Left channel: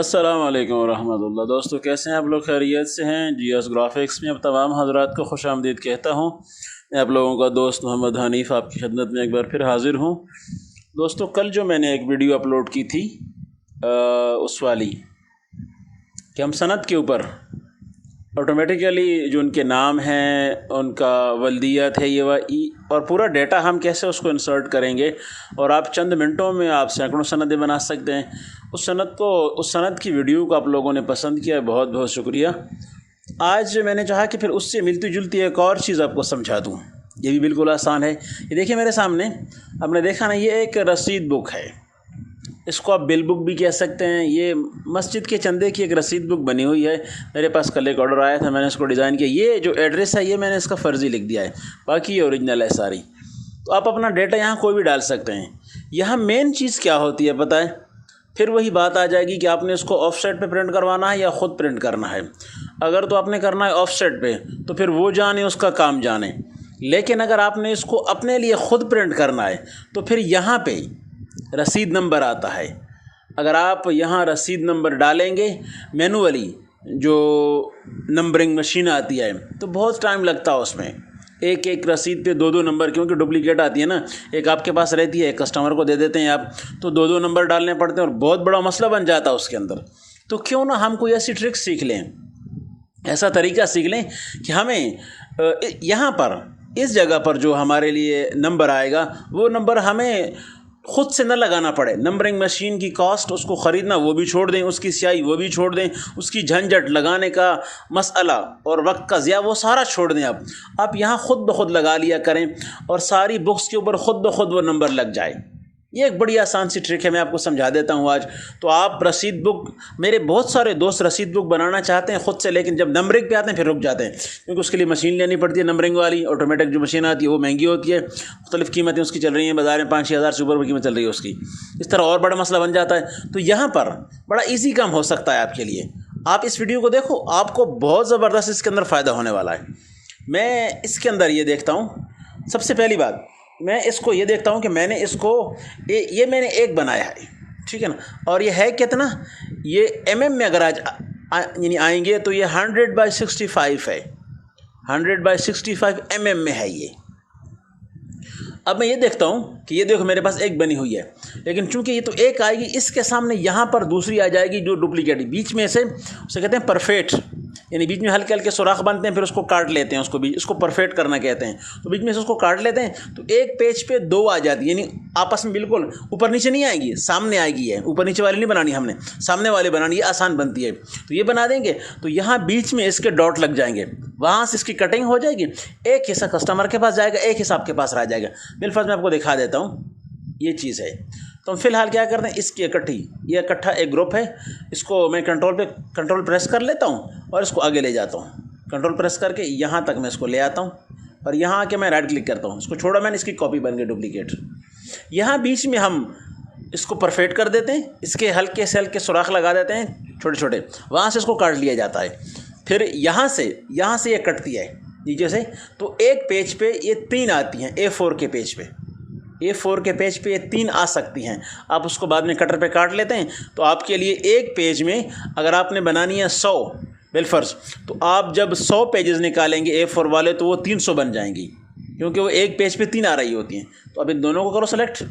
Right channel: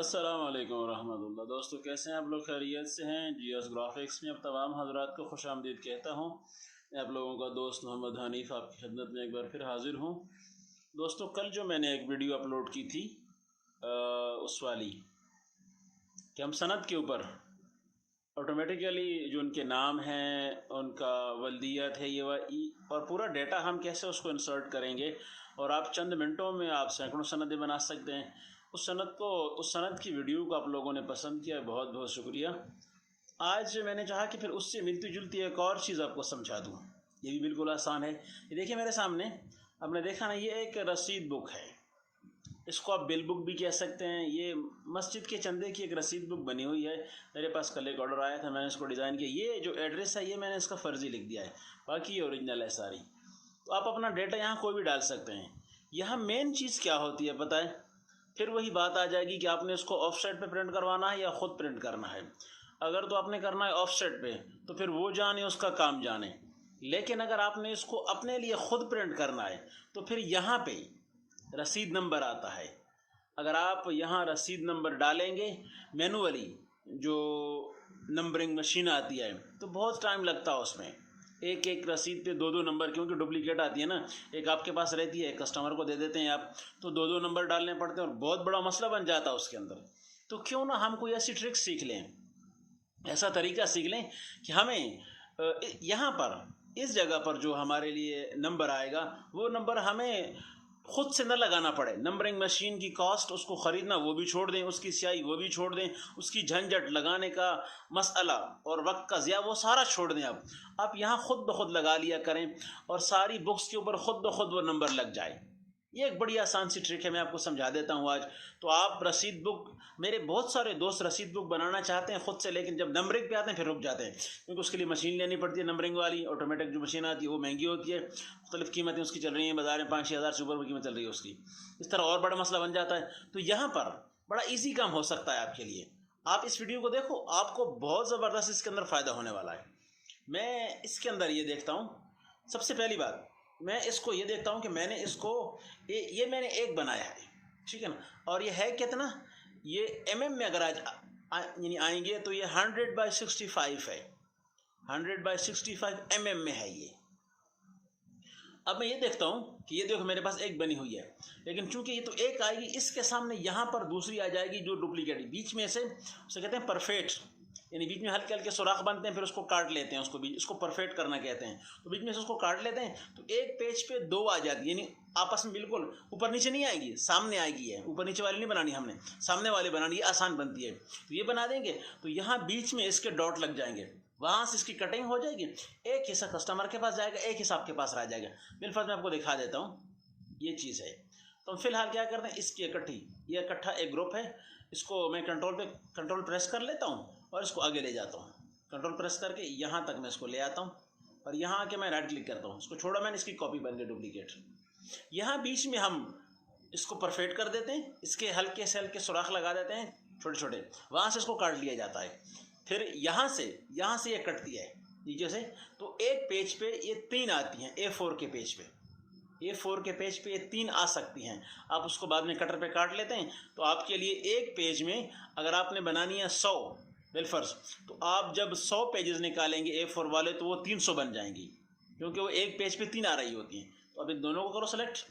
अस्सलाम वालेकुम वरहमतुल्लाह। दोस्तों कैसे हैं आप लोग? खैरियत से हैं? GS ग्राफिक्स में अब तमाम हजरात को खुश आमदीद कहता हूँ। मैं आप लोगों का दोस्त मोहम्मद हनीफ़ आपकी खिदमत में एक बार फिर हाज़िर हूँ। दोस्तों कल जो मैंने एक वीडियो अपलोड की थी उस वाली कि हम सनद के ऊपर ऑटोमेटिकली जो उनके नाम हैं, उनका वल्दियत है, ये और पूरा डेटा हम कैसे उसको इंसर्ट करेंगे और आप चंद मिनटों में आप सैकड़ों सनदें बना सकते हैं। उस सनद की वीडियो को आप लोगों ने पसंद किया, बहुत बहुत शुक्रिया। आज मैंने चाहा कि फिर उससे मिलती जुलती एक और चीज़ आपको समझा दूँ। ये भी बिल्कुल आसान है। ये देखिए मेरे सामने, आपने देखा ना, ये एक रसीद बुक है। इसको आप बिल बुक भी कह सकते हैं। ये मस्जिद के चंदे की एक रसीद बुक बनी हुई है। मेरे पास कल एक ऑर्डर आया था, मैंने इसको डिज़ाइन किया। ये जो एड्रेस है ये मैंने इसका फ़र्ज़ी लिख दिया है, बाकी ये ओरिजिनल है सारी। तो आप अपना डेटा यहाँ कोई भी डाल सकते हैं। यहाँ मेन चीज़ क्या होती है पता है? फिर वही बात आ जाएगी कि आपने इसको ऑफसेट पे प्रिंट करवाना है या ख़ुद प्रिंट करना है। अगर तो आपने करना है ऑफसेट पे तो फिर वो जाने, उसका काम जाने। लेकिन अगर आपने इसको अपने लिए ख़ुद प्रिंट करना है तो फिर यहाँ पे रसीद नंबर आता है। अगर आप यहाँ रसीद नंबर डालेंगे मैनुअली, जो नंबरिंग मशीन आती है, तो बहुत टाइम लगता है उसमें। एक एक रसीद पे दो दो नंबर, क्योंकि डुप्लीकेट आती है ना, एक आपके पास रहती है, एक कस्टमर को दे देते हैं आप, तो दो दो नंबर डालने पड़ते हैं और बहुत बड़ा मसला बन जाता है उसके अंदर। तो क्यों ना हम कोई ऐसी ट्रिक सीख लें, ऐसा तरीका सीख लें कि हमें यहाँ पर इस जगह पर जो हमारे लिए नंबर आएगा वो नंबर हमें ख़ुद से न लगाना पड़े। नंबरिंग मशीन की कॉस्ट, उसको ख़रीदना वो भी छोड़ दें, उसकी स्याही वो भी छोड़ दें, उसकी झंझट लगाने का मसला और वक्त का ज़िया वो सारा छोड़ दें। आप यहाँ ख़ुद ब खुद लगा लिया करें और सारी बुक्स के ऊपर ख़ुद ब खुद वो नंबर लग जाए। ये एक बड़ी आसान सी ट्रिक है, मैं आपको समझा देता हूँ आज। तो आप रसीद बुक, मेरे बहुत सारे दोस्त रसीद बुक बनाना चाहते हैं ख़ुद से, लेकिन जब नंबरिंग पे आते हैं फिर रुक जाते हैं, क्योंकि उसके लिए मशीन लेनी पड़ती है। नंबरिंग वाली ऑटोमेटिक जो मशीन आती है वो महंगी होती है, मुख्तलिफ़ कीमतें उसकी चल रही हैं बाज़ार में, 5-6 हज़ार से ऊपर कीमत चल रही है उसकी। इस तरह और बड़ा मसला बन जाता है। तो यहाँ पर बड़ा ईजी काम हो सकता है आपके लिए। आप इस वीडियो को देखो, आपको बहुत ज़बरदस्त इसके अंदर फ़ायदा होने वाला है। मैं इसके अंदर ये देखता हूँ, सबसे पहली बात मैं इसको ये देखता हूँ कि मैंने इसको ये मैंने एक बनाया है, ठीक है ना, और ये है कितना, ये mm में अगर आज यानी आएंगे तो ये 100/65 है, 100/65 mm में है ये। अब मैं ये देखता हूँ कि ये देखो मेरे पास एक बनी हुई है, लेकिन चूंकि ये तो एक आएगी, इसके सामने यहाँ पर दूसरी आ जाएगी जो डुप्लीकेट, बीच में से उसे कहते हैं परफेक्ट, यानी बीच में हल्के हल्के सुराख बनते हैं, फिर उसको काट लेते हैं, उसको परफेक्ट करना कहते हैं। तो बीच में से उसको काट लेते हैं तो एक पेज पे दो आ जाती है, यानी आपस में बिल्कुल ऊपर नीचे नहीं आएगी, सामने आएगी है। ऊपर नीचे वाली नहीं बनानी हमने, सामने वाली बनानी, ये आसान बनती है। तो ये बना देंगे तो यहाँ बीच में इसके डॉट लग जाएंगे, वहाँ से इसकी कटिंग हो जाएगी, एक हिस्सा कस्टमर के पास जाएगा, एक हिस्सा आपके पास रह जाएगा। बिलफर्ज मैं आपको दिखा देता हूँ, ये चीज़ है। तो हम फिलहाल क्या करते हैं, इसकी ये इकट्ठा एक ग्रुप है, इसको मैं कंट्रोल प्रेस कर लेता हूँ और इसको आगे ले जाता हूँ। कंट्रोल प्रेस करके यहाँ तक मैं इसको ले आता हूँ और यहाँ आके मैं राइट क्लिक करता हूँ, इसको छोड़ा मैंने, इसकी कॉपी बन गई डुप्लीकेट। यहाँ बीच में हम इसको परफेक्ट कर देते हैं, इसके हल्के से हल्के सुराख लगा देते हैं छोटे छोटे, वहाँ से इसको काट लिया जाता है। फिर यहाँ से ये कटती है नीचे से, तो एक पेज पे ये 3 आती हैं, A4 के पेज पे, A4 के पेज पे ये 3 आ सकती हैं। आप उसको बाद में कटर पे काट लेते हैं। तो आपके लिए एक पेज में अगर आपने बनानी है 100 बिलफर्ज, तो आप जब 100 पेजेस निकालेंगे A4 वाले तो वो 300 बन जाएंगी, क्योंकि वो एक पेज पे 3 आ रही होती हैं। तो अब इन दोनों को करो सेलेक्ट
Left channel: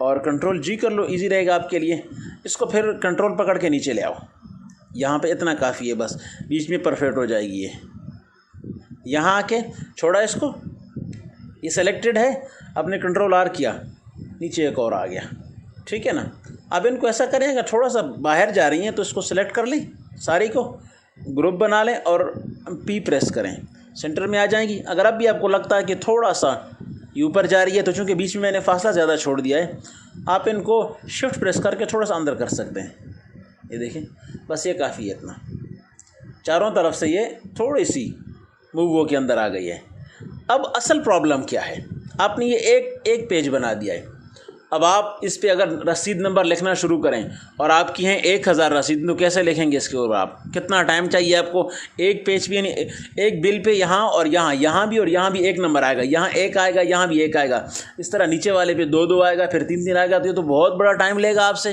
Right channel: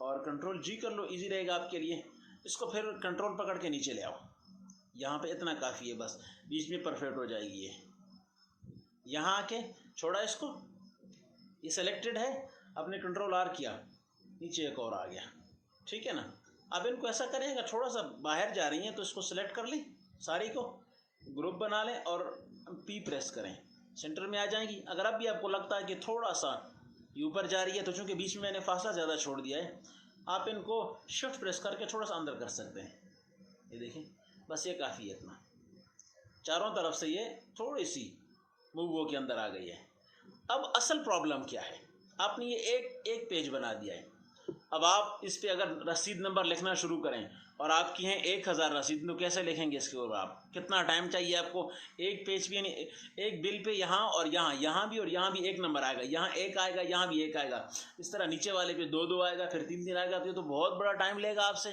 और कंट्रोल G कर लो, ईजी रहेगा आपके लिए। इसको फिर कंट्रोल पकड़ के नीचे ले आओ, यहाँ पे इतना काफ़ी है बस, बीच में परफेक्ट हो जाएगी ये। यहाँ आके छोड़ा इसको, ये सेलेक्टेड है, आपने कंट्रोल R किया, नीचे एक और आ गया, ठीक है ना। अब इनको ऐसा करेंगे, थोड़ा सा बाहर जा रही हैं तो इसको सेलेक्ट कर लें, सारी को ग्रुप बना लें और P प्रेस करें, सेंटर में आ जाएंगी। अगर अब भी आपको लगता है कि थोड़ा सा ये ऊपर जा रही है, तो चूँकि बीच में मैंने फासला ज़्यादा छोड़ दिया है, आप इनको शिफ्ट प्रेस करके थोड़ा सा अंदर कर सकते हैं। ये देखें, बस ये काफ़ी है इतना, चारों तरफ से ये थोड़ी सी मूव हो के अंदर आ गई है। अब असल प्रॉब्लम क्या है, आपने ये एक पेज बना दिया है। अब आप इस पे अगर रसीद नंबर लिखना शुरू करें और आपकी हैं 1000 रसीद, तो कैसे लिखेंगे इसके ऊपर? आप कितना टाइम चाहिए आपको? एक पेज पे, यानी एक बिल पे यहाँ और यहाँ भी और यहाँ भी एक नंबर आएगा, यहाँ एक आएगा, यहाँ भी एक आएगा, इस तरह नीचे वाले पे 2-2 आएगा, फिर 3-3 आएगा, तो ये तो बहुत बड़ा टाइम लेगा आपसे।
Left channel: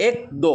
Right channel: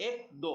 1 2،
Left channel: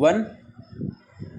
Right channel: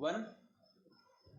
1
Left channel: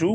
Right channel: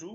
2،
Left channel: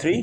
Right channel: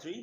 3،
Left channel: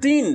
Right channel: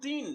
3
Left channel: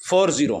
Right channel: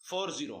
4 0۔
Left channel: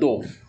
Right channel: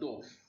2،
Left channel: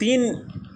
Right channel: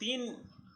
3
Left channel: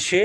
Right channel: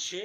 6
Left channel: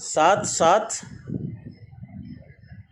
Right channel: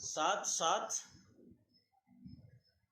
7 7،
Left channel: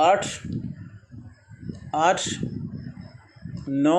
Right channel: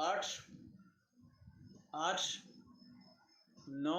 8 8 9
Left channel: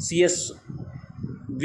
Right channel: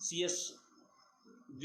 CSV،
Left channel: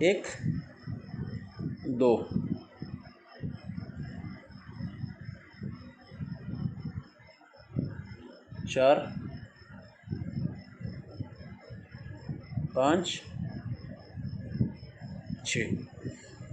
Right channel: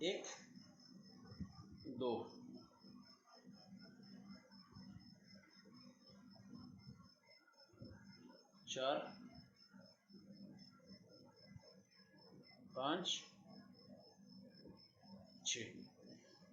1 2 4 5 6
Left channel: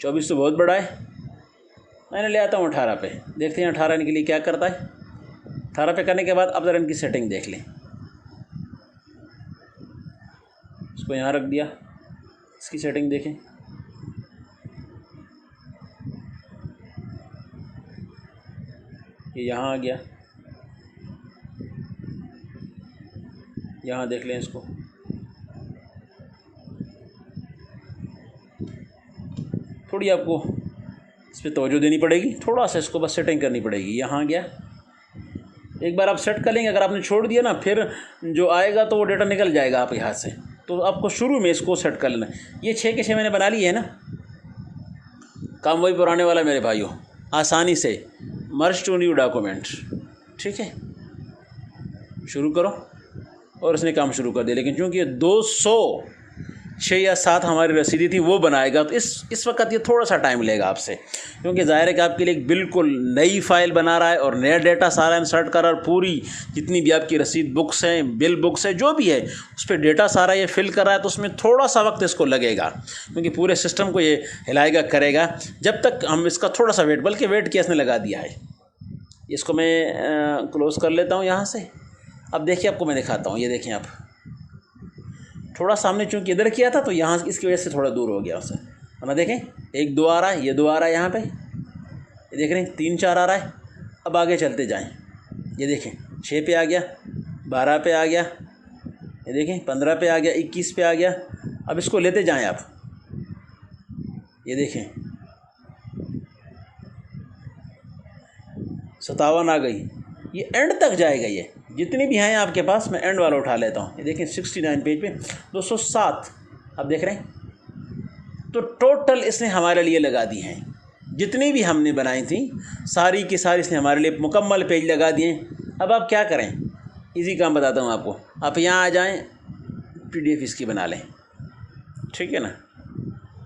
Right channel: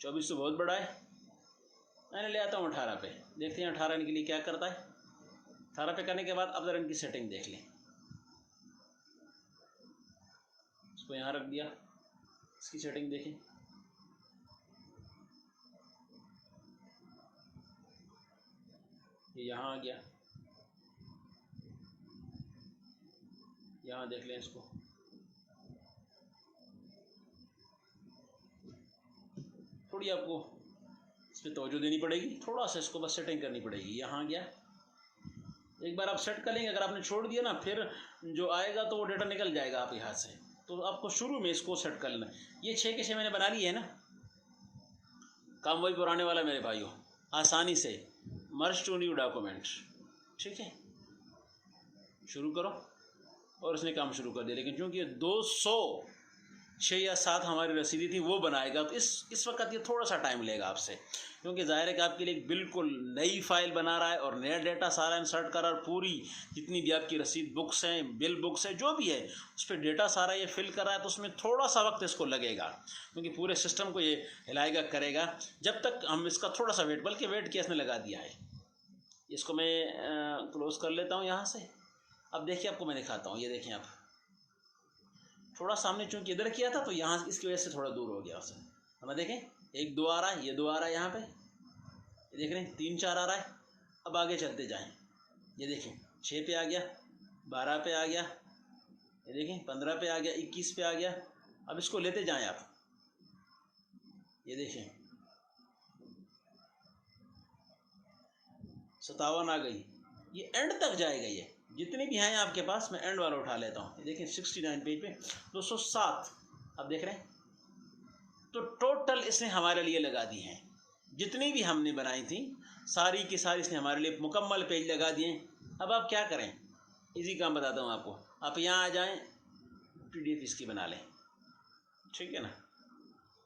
24 तो बहुत बड़ा है, मैंने ले आता हूँ 18 पे। देखते हैं 18 के लिए क्या करता है। 18 पे करने के बाद अब ज़रा इनकी सेटिंग देख लें। इसको यहाँ रख दिया, इसकी सेटिंग देखें। ये यहाँ आ गया, यहाँ देख लें इसको। थोड़ी आपको इस पर तवज्जो देनी पड़ेगी, थोड़ा सा इसको बस सेटिंग करनी पड़ेगी। यहाँ आ गया, एक बार आप सेट कर लेंगे, अगर आपने छोड़ दिया ना फिर जो आएगा तो वो डेटा निकल जाएगा आपके हाथ से। तो आपको शुरू में इसको सेट कर लेना। ये 6 के 6 मैंने बना लिए है ना, काम वही पुराने वाला मेरे भाइयों, आसानी से मर्ज टू न्यू डॉक्यूमेंट। ठीक है, शुरू करो और इसने काम शुरू कर दिया। लेकिन चूँकि ये 206 या 7 हमारी रसीदी थी वो बनाएगा, तो इस वक्त ये थोड़ा सा टाइम लेगा आपसे, क्योंकि ज़ाहिर है कि आपके लिए एक बिल्कुल नई फ़ाइल बना रहा है और नया डेटा सारा इंसर्ट कर रहा है। पूरी जितनी भी आपकी रसीद बुक्स हैं, बिल बुक्स है, जो भी है, उस पर डेटा सारा ये फिल कर रहा है। तो उसमें थोड़ा सा वक्त इसको लगेगा, क्योंकि पूरे सिस्टम को ये हिलाएगा करेगा। जब तक हम इसका थोड़ा सा वेट, बल्कि वेट किया इसने लगा दिया है। इसको मैं क्लोज़ कर लेता हूँ यहाँ से। अब देखिए, आपको मैं दिखाता हूँ। ये देखें आप, थोड़ा सामने चूँकि इधर किया था तो यहाँ इसकी वजह से थोड़ा दूर हो गया उससे, वरना देखें 1 2 आ रहा है, ये 2 आ रहा है यहाँ पे, ये देख रहे हैं 3 4 आ रहा है। अब आगे चलते जाएं, ये देखें 6 पे आ गया, 12 पे आ गया, ये देखें 15 पे आ गया, 21 पे आ गया। अब इसको लेते जाएं आप, ये देखें 57 आ गई, ये एंड तक जाएगा। ये जितनी भी हैं आपके पास, मैं एंड वाला उठा लेता हूँ। ये देखें 69 पेज पे 207 आप देख रहे हैं। तो टोटल इसने हमारे लिए लगा दी हैं, जितनी भी हमने बनाई थी सारी की सारी इसने हमारे लिए मुकम्मल पेज लगा दिए। अब आप क्या करें, इजी काम बताता हूँ आपको। आप यहाँ आ जाएं, PDF इसकी बना लें। ठीक है ना,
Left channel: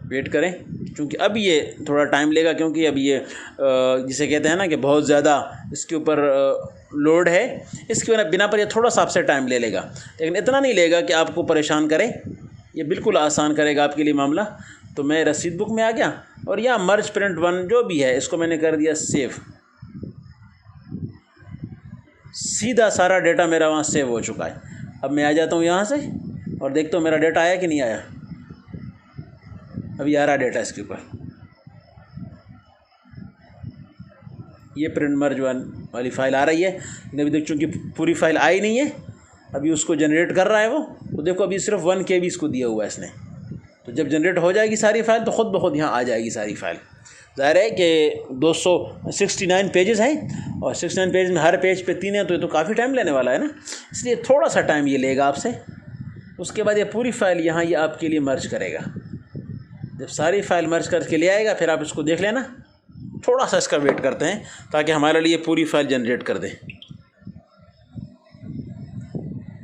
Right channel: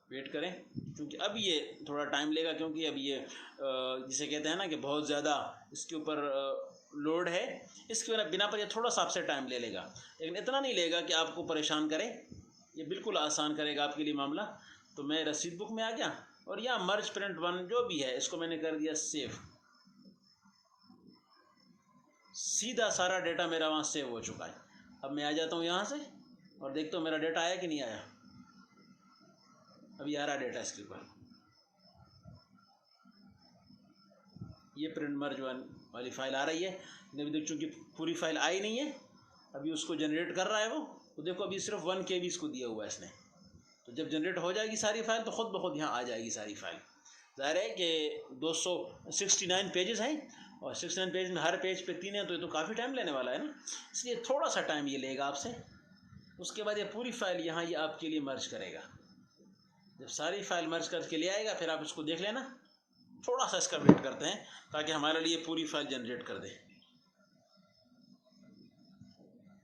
वेट करें, क्योंकि अब ये थोड़ा टाइम लेगा, क्योंकि अब ये जिसे कहते हैं ना कि बहुत ज़्यादा इसके ऊपर लोड है। इसके बिना पर ये थोड़ा सा आपसे टाइम ले लेगा, लेकिन इतना नहीं लेगा कि आपको परेशान करे। ये बिल्कुल आसान करेगा आपके लिए मामला। तो मैं रसीद बुक में आ गया और यहाँ मर्ज प्रिंट 1 जो भी है इसको मैंने कर दिया सेव। सीधा सारा डेटा मेरा वहाँ सेव हो चुका है। अब मैं आ जाता हूँ यहाँ से और देखता हूँ मेरा डेटा आया कि नहीं आया। अभी आ रहा डेटा इसके ऊपर, ये प्रिंट मर्ज 1 वाली फ़ाइल आ रही है। लेकिन अभी देख चूँकि पूरी फ़ाइल आई नहीं है, अभी उसको जनरेट कर रहा है वो। तो देखो अभी सिर्फ 1 KB इसको दिया हुआ है इसने। तो जब जनरेट हो जाएगी सारी फ़ाइल तो ख़ुद ब खुद यहाँ आ जाएगी सारी फ़ाइल। ज़ाहिर है कि 269 पेजेस हैं और 69 पेज में हर पेज पे 3 है, तो ये तो काफ़ी टाइम लेने वाला है ना, इसलिए थोड़ा सा टाइम ये लेगा आपसे। उसके बाद ये पूरी फ़ाइल यहाँ ये आपके लिए मर्ज करेगा। जब सारी फ़ाइल मर्ज करके ले आएगा फिर आप इसको देख लेना। थोड़ा सा इसका वेट करते हैं ताकि हमारे लिए पूरी फ़ाइल जनरेट कर दे।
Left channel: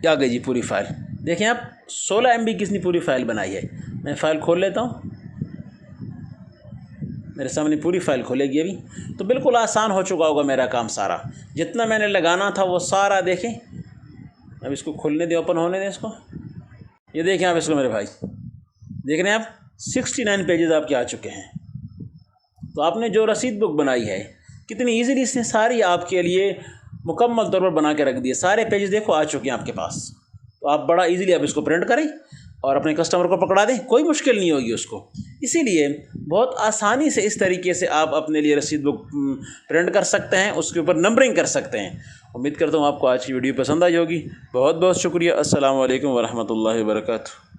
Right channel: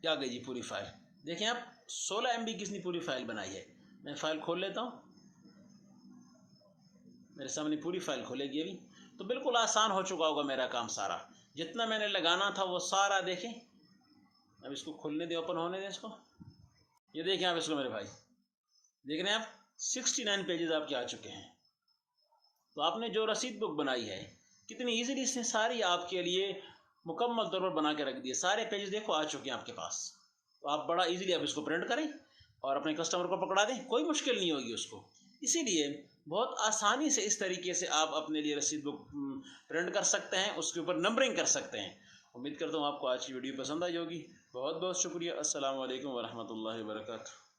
क्या गई जी पूरी फ़ाइल, देखें आप 16 MB की इसने पूरी फ़ाइल बनाई है। मैं फ़ाइल खोल लेता हूँ, मेरे सामने पूरी फ़ाइल खोलेगी अभी। तो बिल्कुल आसान हो चुका होगा मेरा काम सारा, जितना मैंने लगाना था वो सारा। देखें अब इसको खोलने दें, ओपन होने दें इसको। ये देखें आप इसको मेरे भाई, देख रहे हैं आप 69 पेजेस आपके आ चुके हैं। तो आपने जो रसीद बुक बनाई है कितनी ईजीली इसने सारी आपके लिए मुकम्मल तौर पर बना के रख दिए। सारे पेजेस देखो आ चुके हैं आपके पास। तो आप बड़ा इजीली आप इसको प्रिंट करें और अपने कस्टमर को पकड़ा दें, कोई मुश्किल नहीं होगी उसको। इसीलिए बहुत आसानी से इस तरीके से आप अपने लिए रसीद बुक प्रिंट कर सकते हैं, उसके ऊपर नंबरिंग कर सकते हैं। उम्मीद करता हूँ आपको आज की वीडियो पसंद आई होगी। बहुत बहुत शुक्रिया। अस्सलाम वालेकुम वरहमतुल्लाहि वबरकातुहू।